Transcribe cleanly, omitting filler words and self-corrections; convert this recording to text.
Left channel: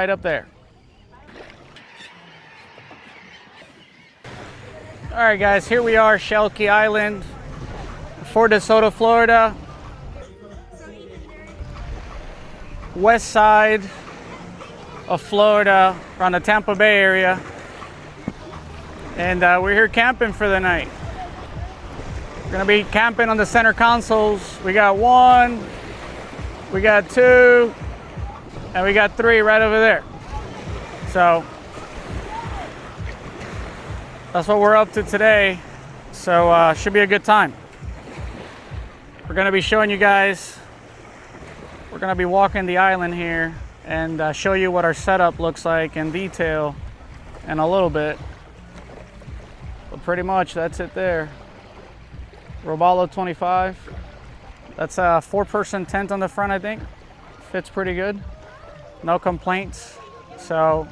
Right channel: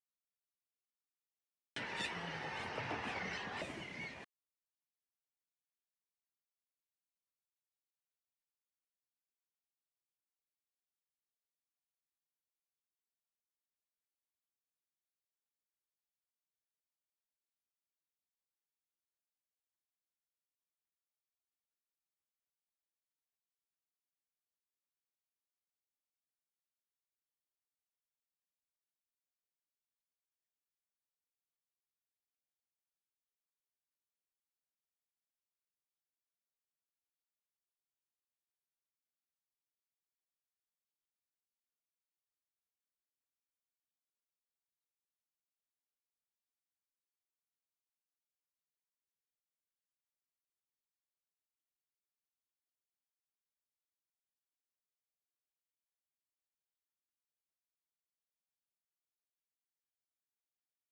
right up there. All right, guys, here we are, Shelky Island, Fort DeSoto, Florida. West side of Florida, around the Tampa Bay area. And we're here camping for the night. We're gonna be camping on the center consoles. We got 1, we got 2, and we got 3 right over there. So that's what we're up to today. So should be a good time. We're gonna be showing you guys, we're gonna be walking the island here and show you what our setup looks like in detail in a little bit. But pretty much that's it there. Robalo 25. That's a 4-person tent on the front, I think. Fits pretty good. No complaints. So